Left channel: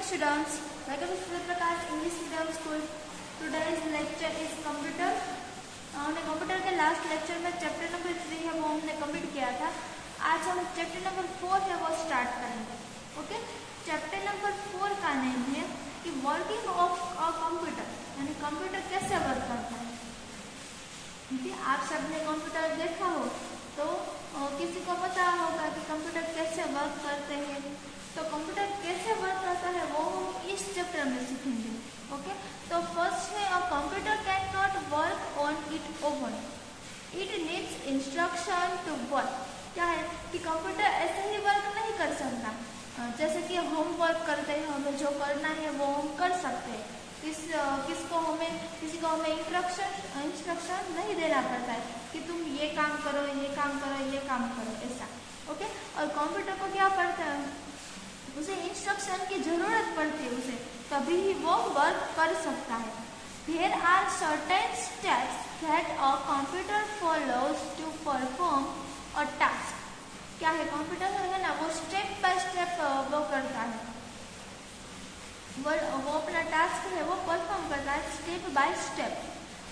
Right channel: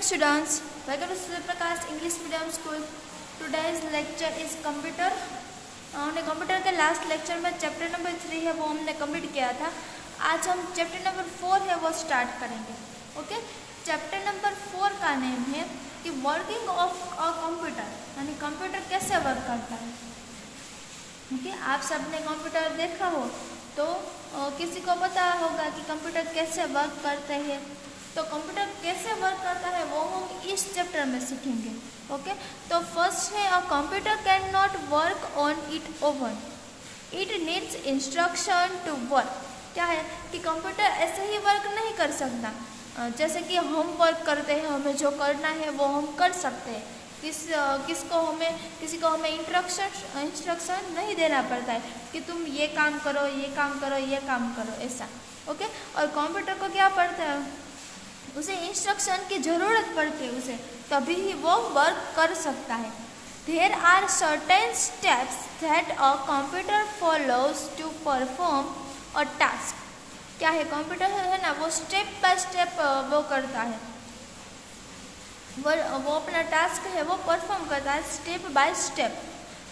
morning students, welcome to Surya Prakash English Medium School. Today's lecture is computer. हमने computer के last lecture में chapter number 3 है वो हमने कंप्लीट किया था। आज हम चैप्टर नंबर 4 है वो स्टार्ट करेंगे। ओके, चैप्टर नंबर 4 का नेम है कि वर्किंग ऑफ अ कंप्यूटर, यानी कंप्यूटर कैसे वर्क करता है। ठीक है, आप सबने कंप्यूटर देखा हो तो किसी को पता होगा कि कंप्यूटर कैसे वर्क करते हैं। तो कंप्यूटर कैसे वर्क करता है वो हम इस चैप्टर में सीखेंगे। ओके, तो फर्स्ट है a computer can not work on it own, it needs instruction to work. क्या है कि कंप्यूटर ऐसे ही वर्क नहीं कर सकता। जैसे कि हम वर्क करते हैं, हमें जो करना है वो हम कर सकते हैं। किसी को हमें इंस्ट्रक्शन नहीं देना पड़ता है कि तुम ये काम करो, ये काम करो, ये काम करो, ऐसा। ओके, और कंप्यूटर को क्या पड़ता है, उसे इंस्ट्रक्शन की जरूरत पड़ती है, उसे तभी ही वो वर्क कर सकता है। There are certain steps that a computer follows to perform a task. क्या है, कंप्यूटर है ना, वो स्टेप बाय स्टेप वो करता है, वो अपना टास्क है वो परफॉर्म करता है step by step.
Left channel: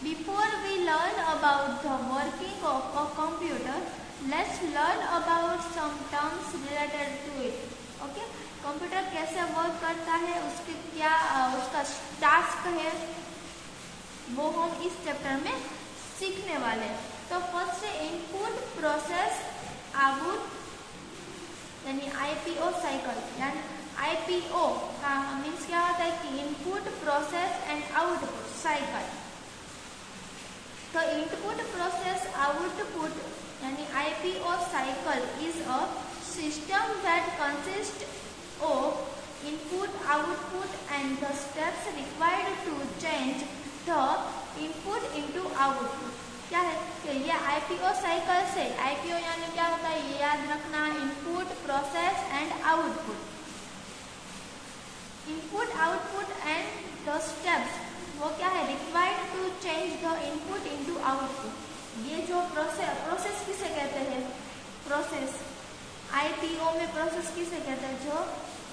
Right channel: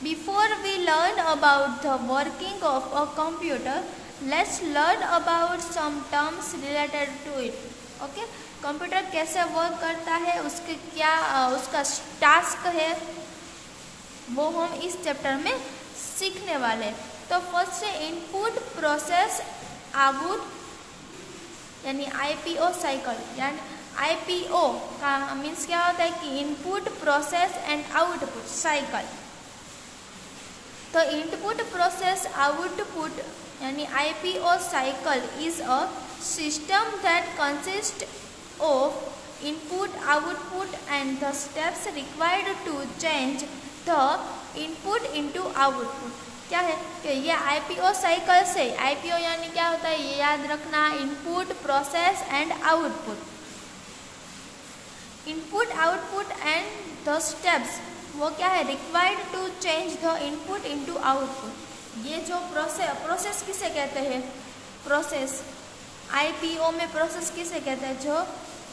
Before we learn about the working of a computer, let's learn about some terms related to it. Okay, computer कैसे वर्क करता है, उसके क्या उसका टास्क है वो हम इस चैप्टर में सीखने वाले हैं। तो फर्स्ट है इनपुट प्रोसेस आउटपुट, यानी आईपीओ साइकिल। यानी आईपीओ का मीन्स क्या होता है कि input process and output cycle. तो इनपुट प्रोसेस आउटपुट यानी IPO cycle is a system that consist of input output and the steps required to change the input into output. क्या है कि ये आईपीओ साइकिल से, आईपीओ यानी क्या होता है ये याद रखना, input process and output. Input output and the steps वो क्या है, required to change the input into output. ये जो प्रोसेस किसे कहते हैं, प्रोसेस आईपीओ में प्रोसेस किसे कहते हैं, जो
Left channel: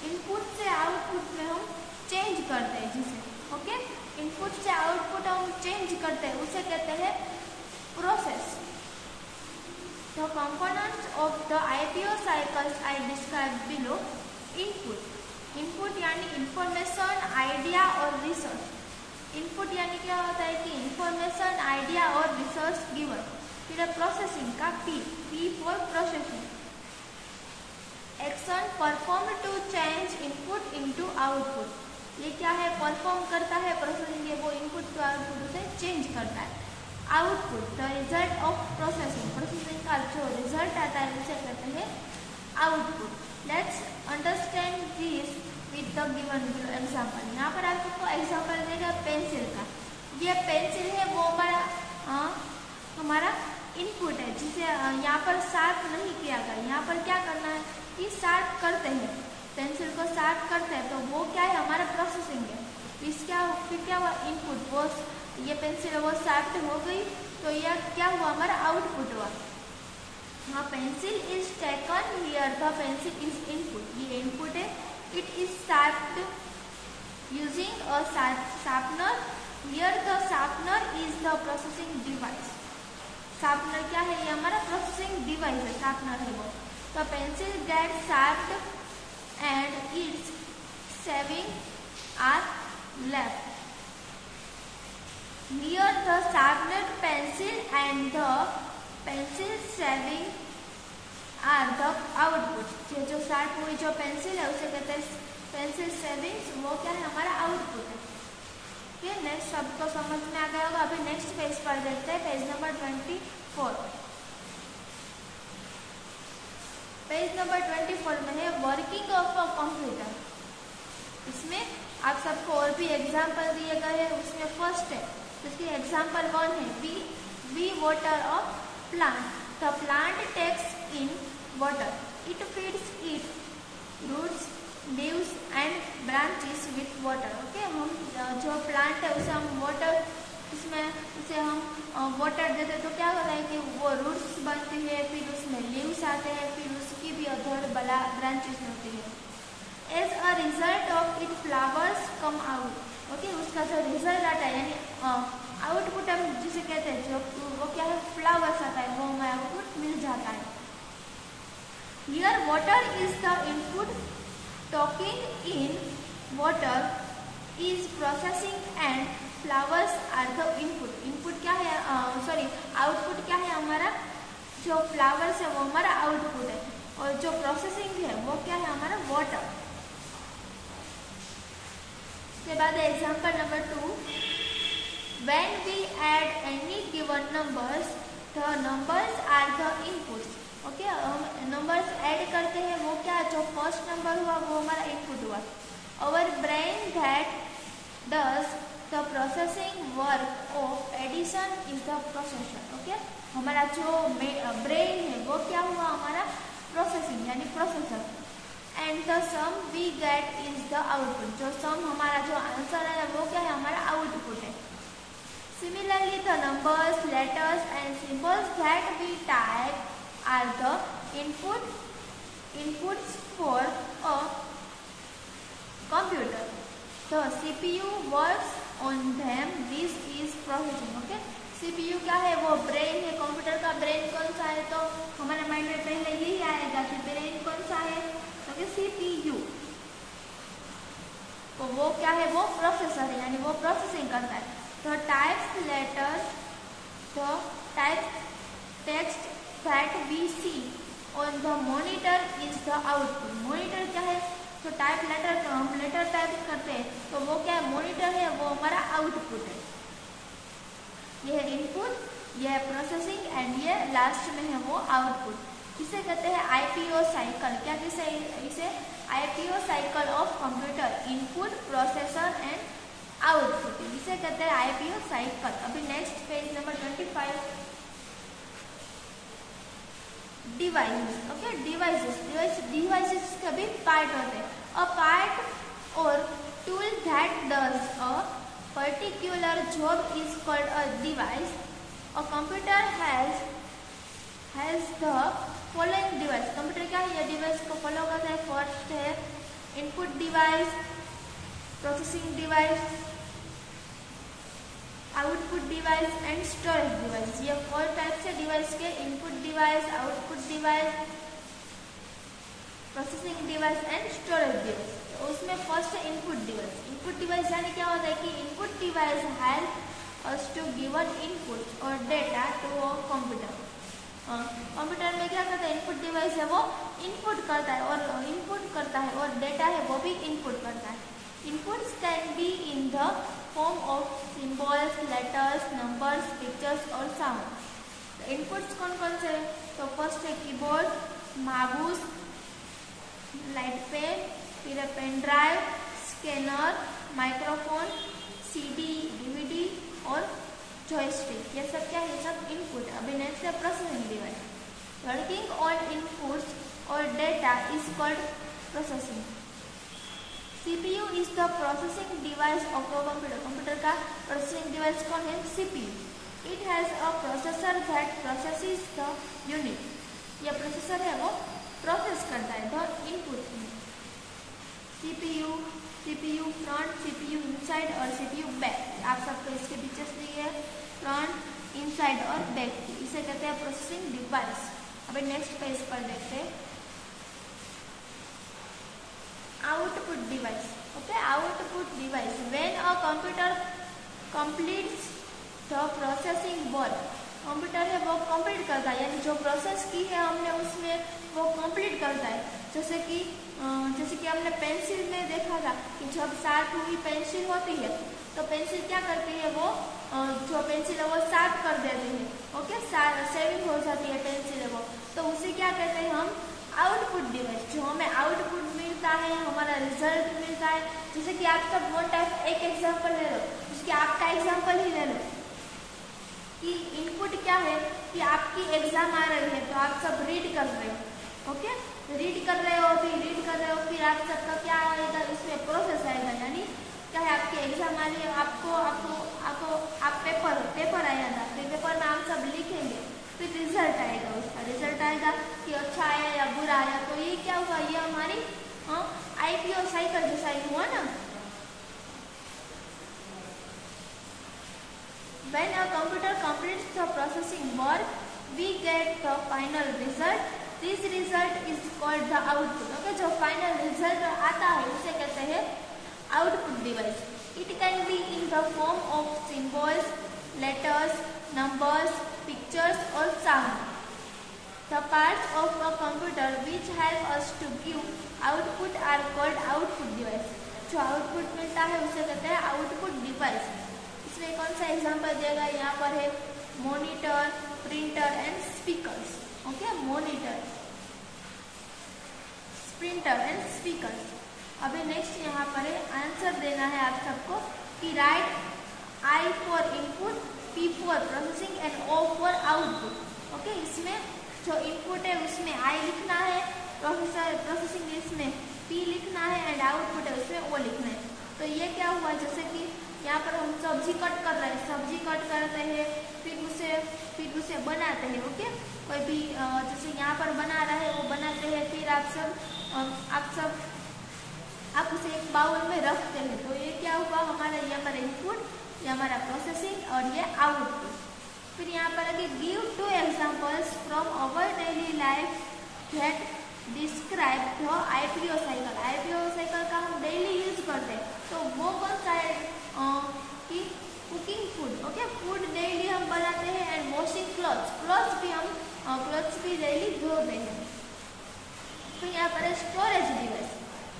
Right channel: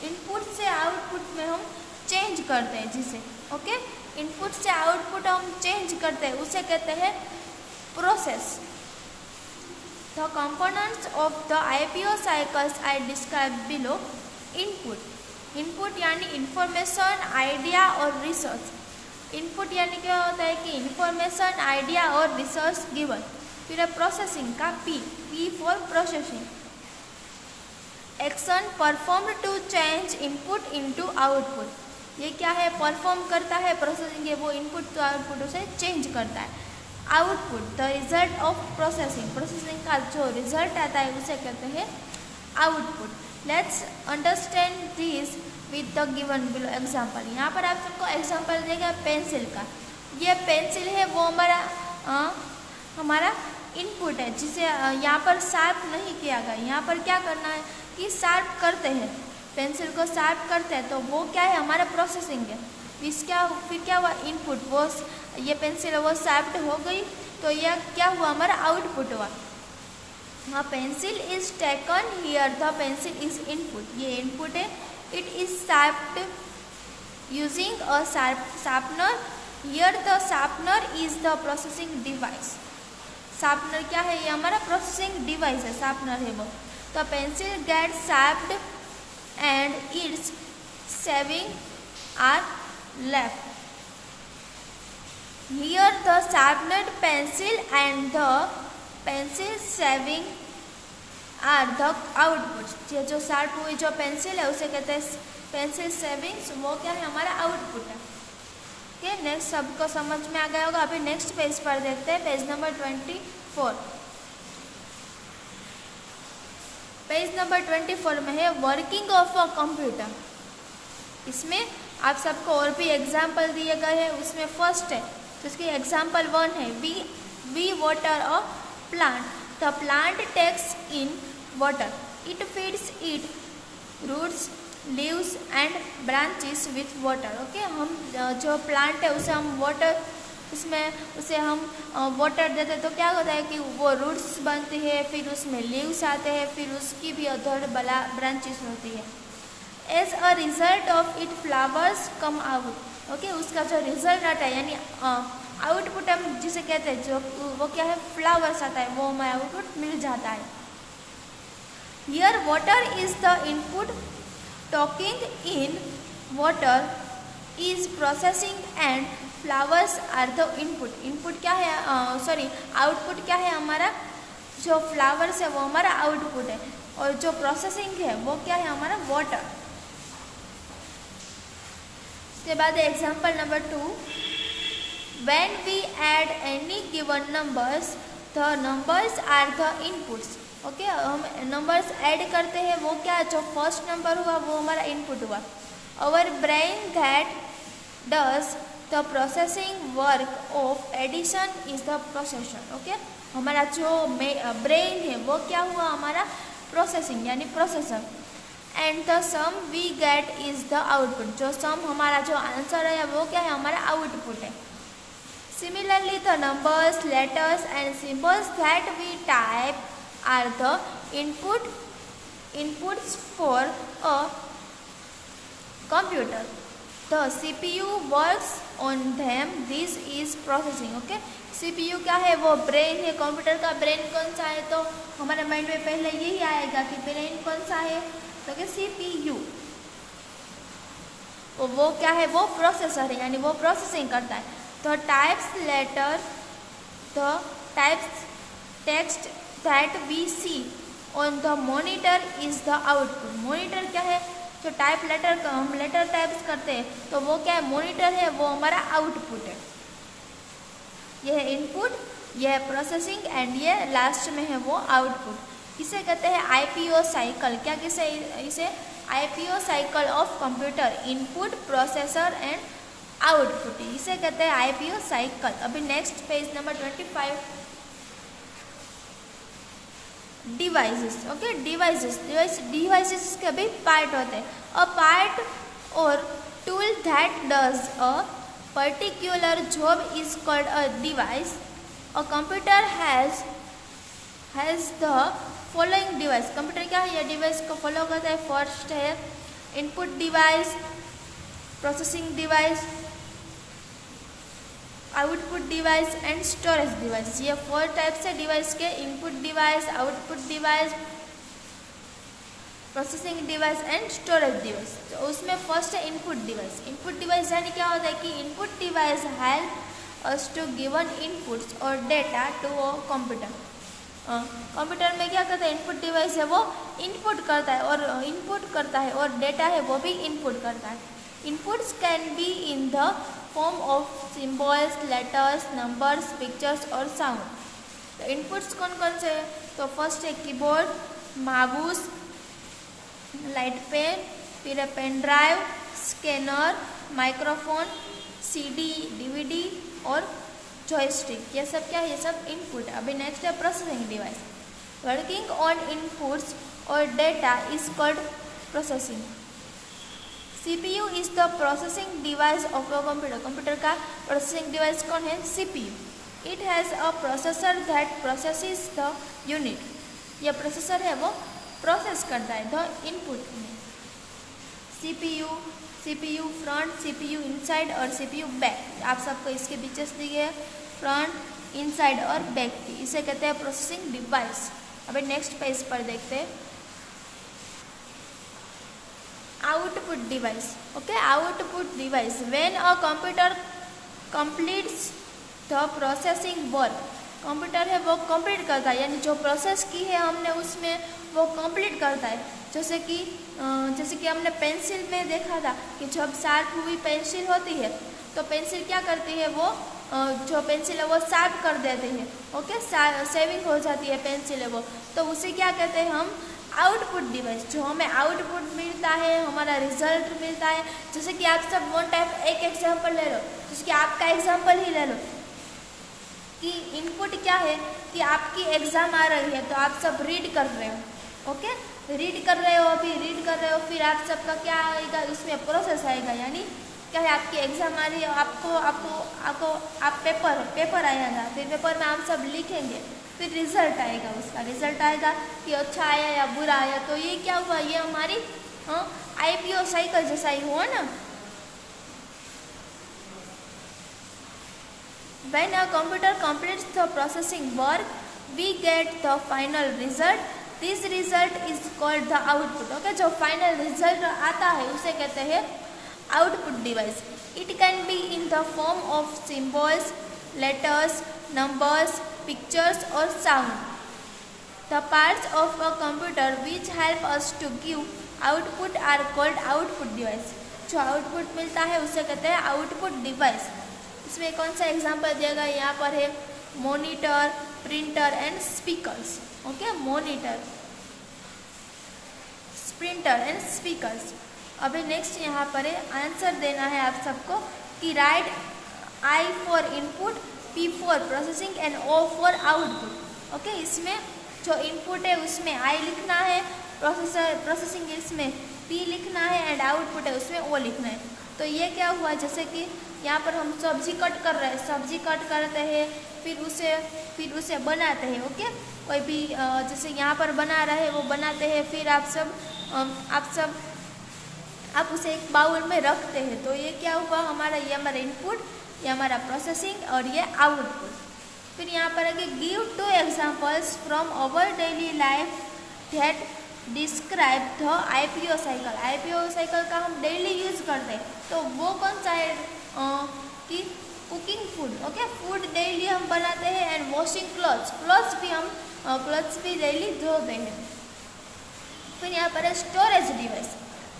इनपुट से आउटपुट में हम चेंज करते हैं जिसे। ओके, इनपुट से आउटपुट हम चेंज करते हैं उसे कहते हैं process. The components of the IPO cycles I describe below. Input यानी इंफॉर्मेशन, आइडिया और रिसर्च। इनपुट यानी क्या होता है कि इंफॉर्मेशन, आइडिया और रिसर्च गिवन। फिर प्रोसेसिंग का P for processing. Action perform to change input into output. ये क्या है, परफॉर्म करता है प्रोसेसिंग, ये वो इनपुट टू आउटपुट उसे चेंज करता है। Output the result of processing, processing का जो रिजल्ट आता है उसे कहते हैं output. Let's understand this with the given below example. यहाँ पर आप सबको एग्जाम्पल देगा पेंसिल का। ये पेंसिल है वो हमारा इनपुट है जिसे यहाँ पर शार्प नहीं किया गया। यहाँ पर क्या करना है कि शार्प करते हैं, पेंसिल को शार्प करते हैं, तो वो क्या है हमारा प्रोसेसिंग है। फिर क्या हुआ, इनपुट, वो ये पेंसिल है वो शार्प हो गई, तो यह क्या हुआ हमारा आउटपुट हुआ। हाँ, pencil is taken here, the pencil is input, ये इनपुट है। It is sharped using a sharpener, here the sharpener is the processing device. Sharpener क्या है, ये हमारा प्रोसेसिंग डिवाइस है, शार्पनर है वो। तो pencil get sharped and its shaving are left. Here the sharpened pencil and the pencil shaving are the outputs. ये जो शार्प हुई जो पेंसिल है उसे कहते हैं पेंसिल शेविंग्स, वो क्या है हमारा आउटपुट है। ठीक, नेक्स्ट सबको समझ में आ गया होगा। अभी नेक्स्ट पेज पर देखते हैं, पेज नंबर 24। पेज नंबर 24 में है वर्किंग ऑफ अ कंप्यूटर। इसमें आप सबको और भी एग्जाम्पल दिए गए हैं। उसमें फर्स्ट है जिसकी एग्जाम्पल 1 है, we water a plant. The plant takes in water, it feeds it roots, leaves and branches with water. Okay, हम जो प्लांट है उसे हम वाटर, उसमें उसे हम वाटर देते हैं तो क्या होता है कि वो रूट्स बनती है, फिर उसमें लीव्स आते हैं, फिर उसकी भी अधर ब्रांचेस होती है। As a result of it flowers come out. Okay, उसका जो रिजल्ट आता है यानी आउटपुट हम जिसे कहते हैं, जो वो क्या है, फ्लावर्स आता है, वो हमें आउटपुट मिल जाता है। Here water is the input, taking in water is processing and flowers are the input. Input क्या है, सॉरी आउटपुट क्या है हमारा, जो फ्लावर्स है वो हमारा आउटपुट है, और जो प्रोसेसिंग है वो क्या है हमारा वाटर। उसके बाद example number 2, when we add any given numbers the numbers are the inputs. Okay, हम नंबर्स ऐड करते हैं, वो क्या, जो फर्स्ट नंबर हुआ वो हमारा इनपुट हुआ। Our brain that does the processing work of addition is the processor. Okay, हमारा जो ब्रेन है वो क्या हुआ, हमारा प्रोसेसिंग यानी processor. And the sum we get is the output, जो सम हमारा जो आंसर है वो क्या है, हमारा आउटपुट है। Similarly the numbers, letters and symbols that we type are the inputs for a computer. The CPU works on them, this is processing. Okay, CPU क्या है, वो ब्रेन है। कंप्यूटर का ब्रेन कौन सा है, तो हमारे माइंड में पहले यही आएगा कि ब्रेन कौन सा है, तो क्या CPU। तो वो क्या है, वो प्रोसेसर है यानी वो प्रोसेसिंग करता है। The types letter, the types text that we see on the monitor is the output. Monitor क्या है, जो टाइप लेटर का हम लेटर टाइप्स करते हैं, तो वो क्या है, मॉनिटर है, वो हमारा आउटपुट है। यह है इनपुट, यह है प्रोसेसिंग एंड ये लास्ट में है वो आउटपुट। इसे कहते हैं IPO साइकिल। क्या किसे, इसे IPO cycle of computer, input, processor and output, इसे कहते हैं IPO साइकिल। अभी next page number 25, devices. Okay, devices के भी पार्ट होते हैं। अ पार्ट और tool that does a particular job is called a device. A computer has the following device. Computer क्या है, ये डिवाइस को फॉलो करता है। फर्स्ट है input device, processing device, output device and storage device. ये 4 टाइप्स है डिवाइस के, input device, output device, processing device and storage device. तो उसमें फर्स्ट है इनपुट डिवाइस। इनपुट डिवाइस यानी क्या होता है कि input device help us to given inputs और data to a computer. Computer में क्या करता है, इनपुट डिवाइस है वो इनपुट करता है और डेटा है वो भी इनपुट करता है। Inputs can be in the form of symbols, letters, numbers, pictures और साउंड। तो इनपुट्स कौन कौन से हैं, तो फर्स्ट है कीबोर्ड, माउस, लाइट पेन, फिर है pen drive, scanner, microphone, CD, DVD और जॉयस्टिक। ये सब क्या है, ये सब इनपुट। अभी नेक्स्ट है processing device. Working on inputs और data is called processing. CPU is the processing device of a computer. Computer का प्रोसेसिंग डिवाइस कौन है, CPU। It has a processor that processes the unit. यह processor है वो process करता है the input. CPU front, CPU inside और CPU back. आप सबको इसके पिक्चर्स दिए, फ्रंट, इनसाइड और बैक की, इसे कहते हैं प्रोसेसिंग डिवाइस। अभी नेक्स्ट पेज पर देखते हैं output device. Okay, output device when a computer completes the processing work. Computer है वो कंप्लीट करता है यानी जो प्रोसेस की है हमने उसमें वो कंप्लीट करता है। जैसे कि हमने पेंसिल में देखा था कि जब शार्प हुई पेंसिल होती है तो पेंसिल क्या करती है, वो जो पेंसिल है वो शार्प कर देती है। ओके, सेविंग हो जाती है पेंसिल है वो, तो उसे क्या कहते हैं हम, आउटपुट डिवाइस। जो हमें आउटपुट मिलता है, हमारा रिजल्ट मिलता है। जैसे कि आप सब वन टाइप एक एग्जाम्पल ले लो, जिसकी आपका एग्जाम्पल ही ले लो कि इनपुट क्या है कि आपकी एग्जाम आ रही है तो आप सब रीड कर रहे हो। ओके, रीड कर रहे हो, फिर आप सबका क्या आएगा, इसमें प्रोसेस आएगा यानी क्या है, आपकी एग्जाम आ रही है, आप पेपर आया था, फिर पेपर में हम सब लिखेंगे, फिर रिजल्ट आएगा, उसका रिजल्ट आएगा कि अच्छा आया या बुरा आया। तो ये क्या हुआ, ये हमारी IPO साइकिल जैसा ही हुआ ना। When a computer completes the processing work, we get the final result. This result is called the output. Okay, जो final result आता है उसे कहते हैं output device. It can be in the form of symbols, letters, numbers, pictures or sound. The parts of a computer which help us to give output are called output device. जो output मिलता है उसे कहते हैं output device. इसमें कौन सा example दिया गया, यहाँ पर है monitor, printer and speakers. Okay, monitor, printer and speakers. अभी नेक्स्ट यहाँ पर है आंसर देना है आप सबको कि write I for input, P for processing and O for output. Okay, इसमें जो इनपुट है उसमें आई लिखना है, प्रोसेसिंग इसमें पी लिखना है एंड आउटपुट है उसमें ओ लिखना है। तो ये क्या हुआ, जैसे कि यहाँ पर हम सब्जी कट कर रहे हैं, सब्जी कट करते हैं फिर उसे बनाते हैं। ओके, कोई भी जैसे यहाँ पर बना रहे वो बनाते हैं, फिर आप उसे एक बाउल में रखते हैं। तो ये क्या हुआ हमारा, ये हमारा इनपुट, ये हमारा प्रोसेसिंग और ये आउटपुट। फिर यहाँ पर आगे give 2 examples from our daily life that describe the IPO cycle. IPO cycle का हम डेली यूज करते हैं, तो वो कौन सा है कि cooking food. Okay, food daily हम बनाते हैं एंड वॉशिंग क्लॉथ्स भी हम क्लॉथ्स भी डेली धोते हैं। फिर यहाँ पर है स्टोरेज डिवाइस,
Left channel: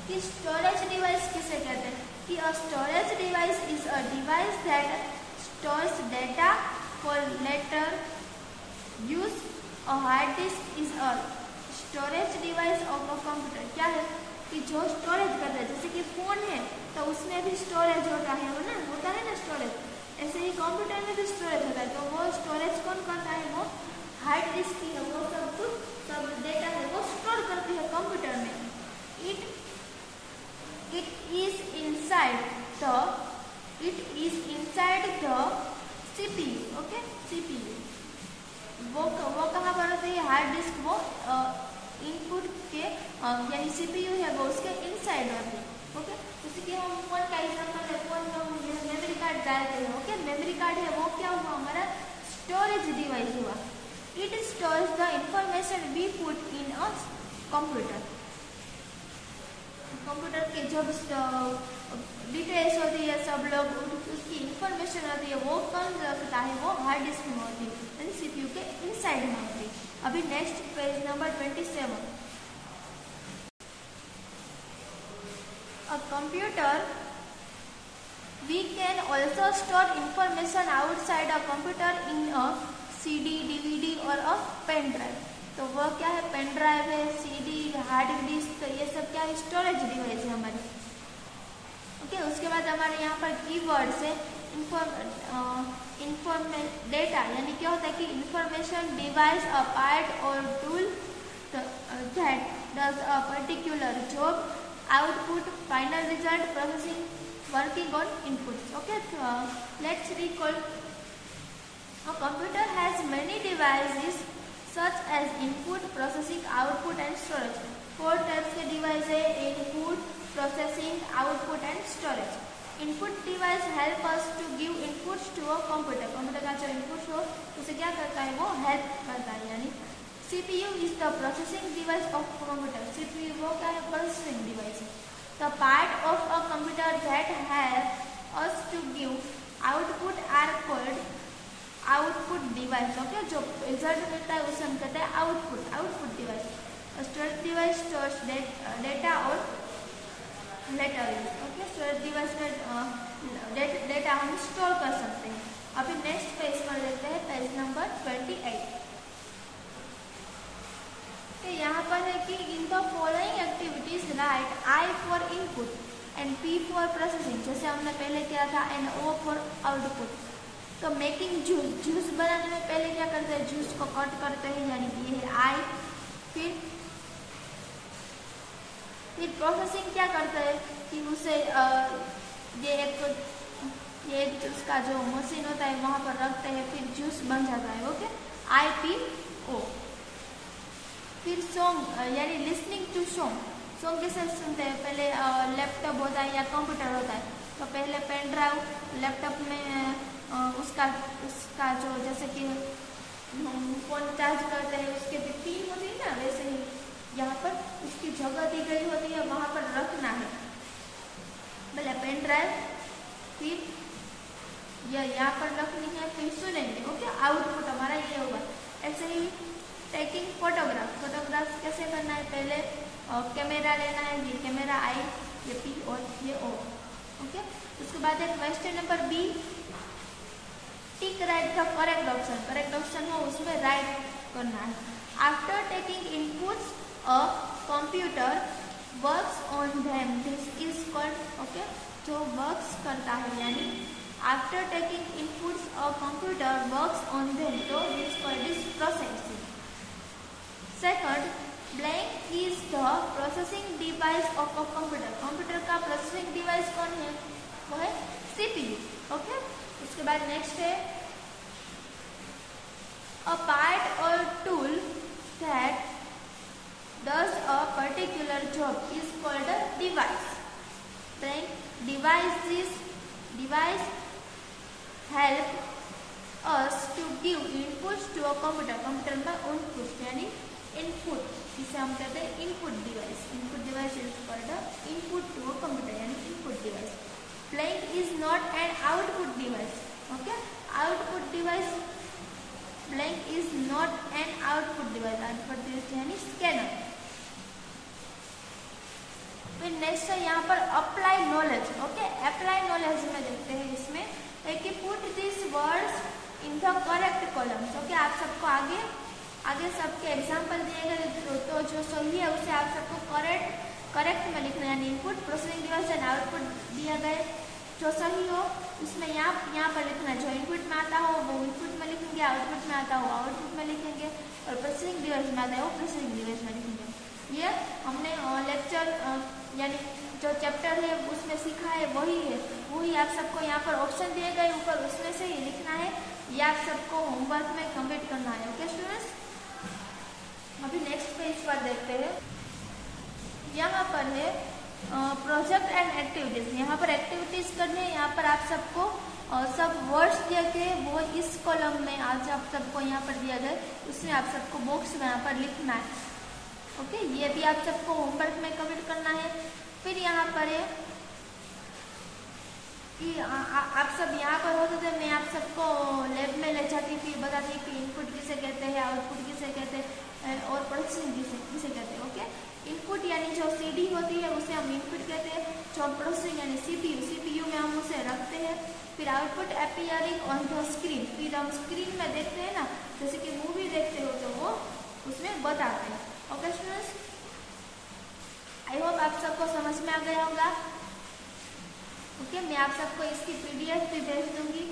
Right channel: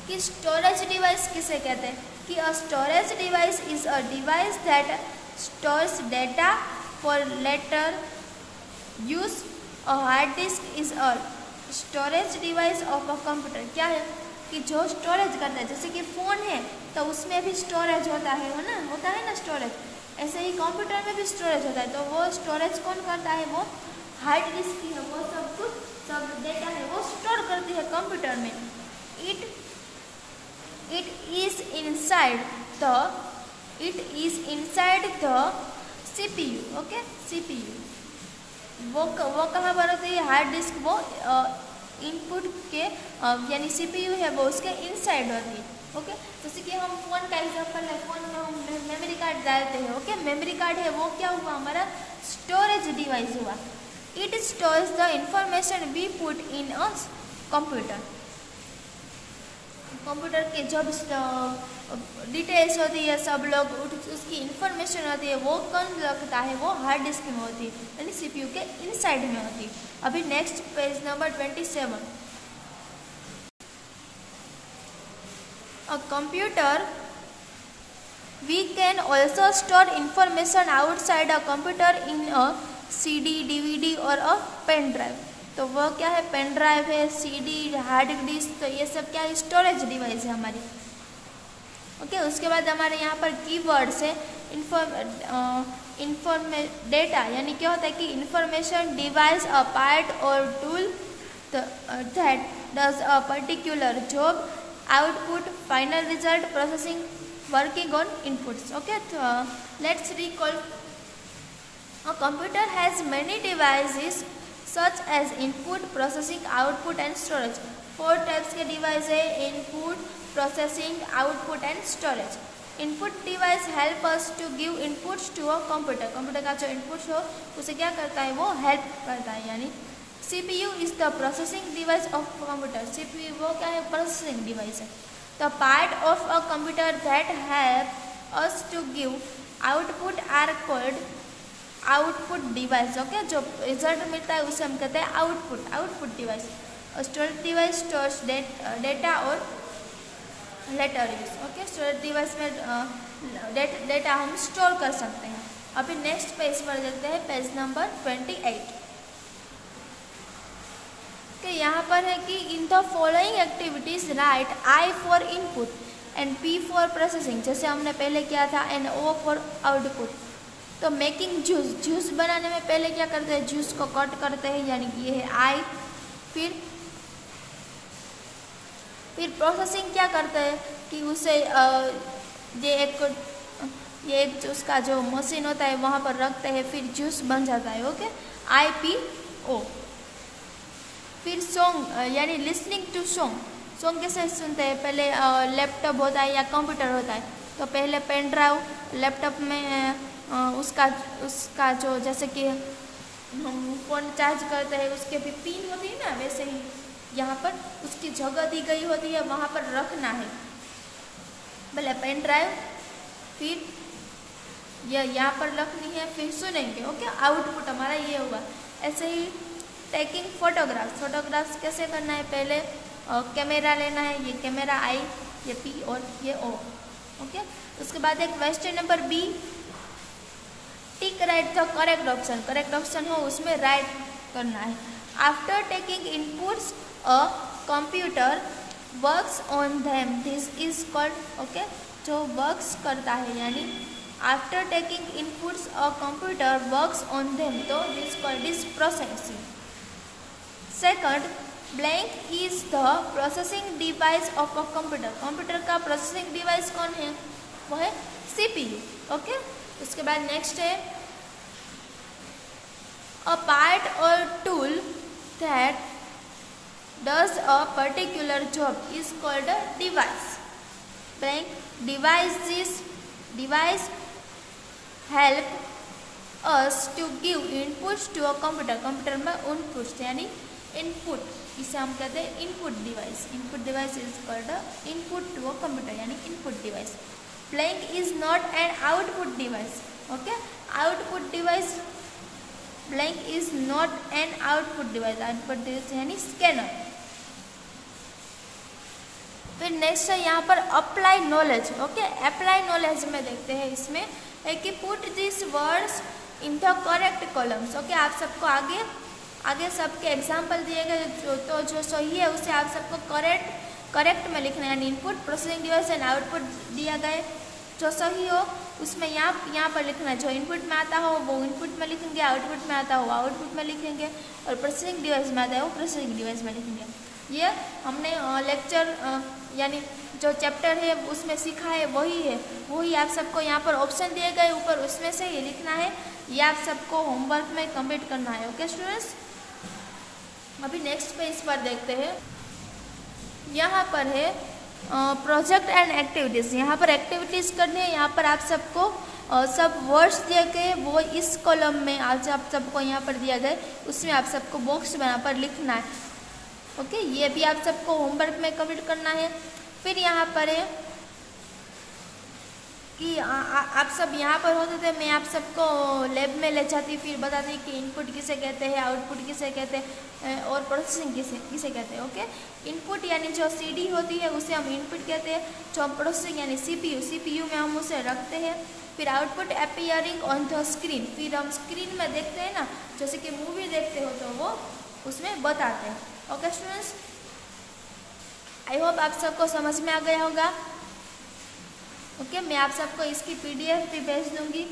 कि स्टोरेज डिवाइस किसे कहते हैं कि a storage device is a device that stores data for later use. A hard disk is a storage device of a computer. क्या है कि जो स्टोरेज करता है, जैसे कि फ़ोन है तो उसमें भी स्टोरेज होता है ना स्टोरेज, ऐसे ही कंप्यूटर में भी स्टोरेज होता है। तो वो स्टोरेज कौन करता है, वो हार्ड डिस्क की, वो सब डेटा है वो स्टोर करती है कंप्यूटर में। It is inside the CPU। Okay, CPU वो कहाँ पर होती है, हार्ड डिस्क वो इनपुट के यानी CPU है वो उसके इनसाइड होती है। ओके, जैसे कि हम फोन का एग्जांपल है, फोन में हम मेमोरी कार्ड डालते हैं। ओके, मेमोरी कार्ड है वो क्या हुआ, हमारा स्टोरेज डिवाइस हुआ। It stores the information we put in a computer. Computer के जो डिटेल्स होती है, सब लोग उसकी इंफॉर्मेशन होती है, वो कौन रखता है, वो हार्ड डिस्क में होती है यानी CPU के इनसाइड में होती है। अभी next page number 27। A computer, we can also store information outside a computer in a CD, DVD और अ पेन ड्राइव। तो वो क्या है, पेन ड्राइव है, CD, हार्ड डिस्क, तो ये सब क्या है, स्टोरेज डिवाइस है हमारी। ओके, उसके बाद हमारे यहाँ पर कीवर्ड्स है डेटा, यानी क्या होता है कि इंफॉर्मेशन डिवाइस अ पार्ट और tool that does a particular job. Output, final result, processing, working on inputs. Okay, let's recall. A computer has many devices such as input, processing, output and storage। 4 types के device है, input, processing, output and storage. Input device help us to give inputs to a computer. Computer का जो input हो उसे क्या करता है, वो हेल्प करता है। यानी CPU is the processing device of computer. CPU वो क्या है, प्रोसेसिंग डिवाइस है। The part of a computer that help us to give output are called output device. Okay, जो रिजल्ट मिलता है उसे हम कहते हैं output device. Storage device stores data और later use. Okay, storage device में डेटा हम स्टोर कर सकते हैं। अभी नेक्स्ट पेज पर देखते हैं, पेज नंबर 28। तो यहाँ पर है कि in the following activities right I for input and P for processing, जैसे हमने पहले किया था, एंड O फॉर आउटपुट। तो मेकिंग जूस बनाने में पहले क्या करते हैं, जूस को कट करते हैं, यानी कि ये है I। फिर प्रोसेसिंग क्या करता है कि उसे ये एक उसका जो मशीन होता है वहाँ पर रखते हैं, फिर जूस बन जाता है। Okay, IPO। फिर सॉन्ग यानी लिसनिंग टू सॉन्ग सॉन्ग कैसे सुनते हैं, पहले लैपटॉप होता है या कंप्यूटर होता है, तो पहले पेन ड्राइव, लैपटॉप में उसका जो जैसे कि हम फ़ोन चार्ज करते हैं उसके भी पिन होती है ना, वैसे ही यहाँ पर उसकी जगह दी गई होती है, वहाँ पर रखना है। पहले पेन ड्राइव, फिर यहाँ पर रखनी है, फिर सुनेंगे। ओके, आउटपुट हमारा ये होगा। ऐसे ही टेकिंग फोटोग्राफ्स कैसे करना है, पहले कैमरा लेना है, ये कैमरा आई, ये पी और ये ओ। ओके, उसके बाद एक question number B, tick right the correct option हो उसमें राइट करना है। After taking inputs a computer works on them, this is called, okay, जो वर्क्स करता है यानी after taking inputs a computer works on them, तो this called is processing. Second, blank is the processing device of a computer का processing device कौन है, वो है सीपीयू। ओके, उसके बाद नेक्स्ट है अ पार्ट और tool that does a particular job is called a device. Device help us to give inputs to a computer. Computer में इनपुट्स यानी इनपुट, इसे हम कहते हैं input device. Input device is called input to a computer यानी input device. Blank is not an output device. Okay, output device, blank is not an output device. Output device यानी scanner. फिर next है यहाँ पर apply knowledge. Okay, apply knowledge में देखते हैं, इसमें है कि put this words in the correct columns. Okay, आप सबको आगे सबके एग्जाम्पल दिए गए, तो जो सही है उसे आप सबको करेक्ट में लिखना है, यानी input, processing device and output दिया गए, जो सही हो उसमें यहाँ पर लिखना है। जो इनपुट में आता हो वो इनपुट में लिखेंगे, आउटपुट में आता हो आउटपुट में लिखेंगे, और प्रोसेसिंग डिवाइस में आता है वो प्रोसेसिंग डिवाइस में लिखेंगे। ये हमने लेक्चर यानी जो चैप्टर है उसमें सीखा है, वही आप सबको यहाँ पर ऑप्शन दिए गए ऊपर, उसमें से ही लिखना है। ये आप सबको होमवर्क में कंप्लीट करना है। ओके स्टूडेंट्स, अभी नेक्स्ट पेज पर देखते हैं। यहाँ पर है प्रोजेक्ट एंड एक्टिविटीज़। यहाँ पर एक्टिविटीज़ करनी है। यहाँ पर आप सबको सब वर्ड्स दिए गए, वो इस कॉलम में आज आप सबको यहाँ पर दिया गया, उसमें आप सबको बॉक्स बना पर लिखना है। ओके, ये भी आप सबको होमवर्क में कंप्लीट करना है। फिर यहाँ पर है कि आप सब यहाँ पर होते थे, मैं आप सबको लैब में ले जाती, फिर बताती कि इनपुट किसे कहते हैं, आउटपुट किसे कहते हैं और प्रोसेसिंग किसे कहते हैं। ओके, इनपुट यानी जो सीडी होती है उसे हम इनपुट कहते हैं, जो प्रोसेसिंग यानी सीपीयू में हम उसे रखते हैं। फिर output appearing on the screen, फिर हम स्क्रीन में देखते हैं ना, जैसे कि मूवी देखते हो तो वो उसमें बताते हैं। ओके स्टूडेंट्स, आई होप आप सबको समझ में आ गया होगा। ओके, मैं आप सबको इसकी पीडीएफ भी भेज दूंगी,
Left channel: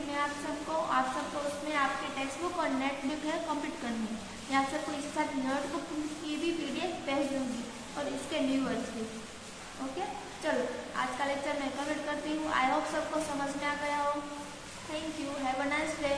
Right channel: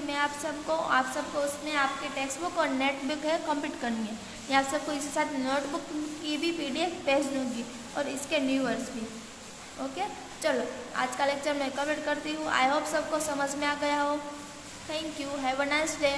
मैं आप सबको उसमें आपके टेक्स्ट बुक और नेट बुक है कंप्लीट करनी है। मैं आप सबको इसके साथ नोटबुक की भी पीडीएफ भेज दूंगी और इसके न्यू वर्ड्स भी। ओके, चलो आज का लेक्चर मैं कंप्लीट करती हूँ। आई होप सबको समझ में आ गया हो। Thank you, have a nice day.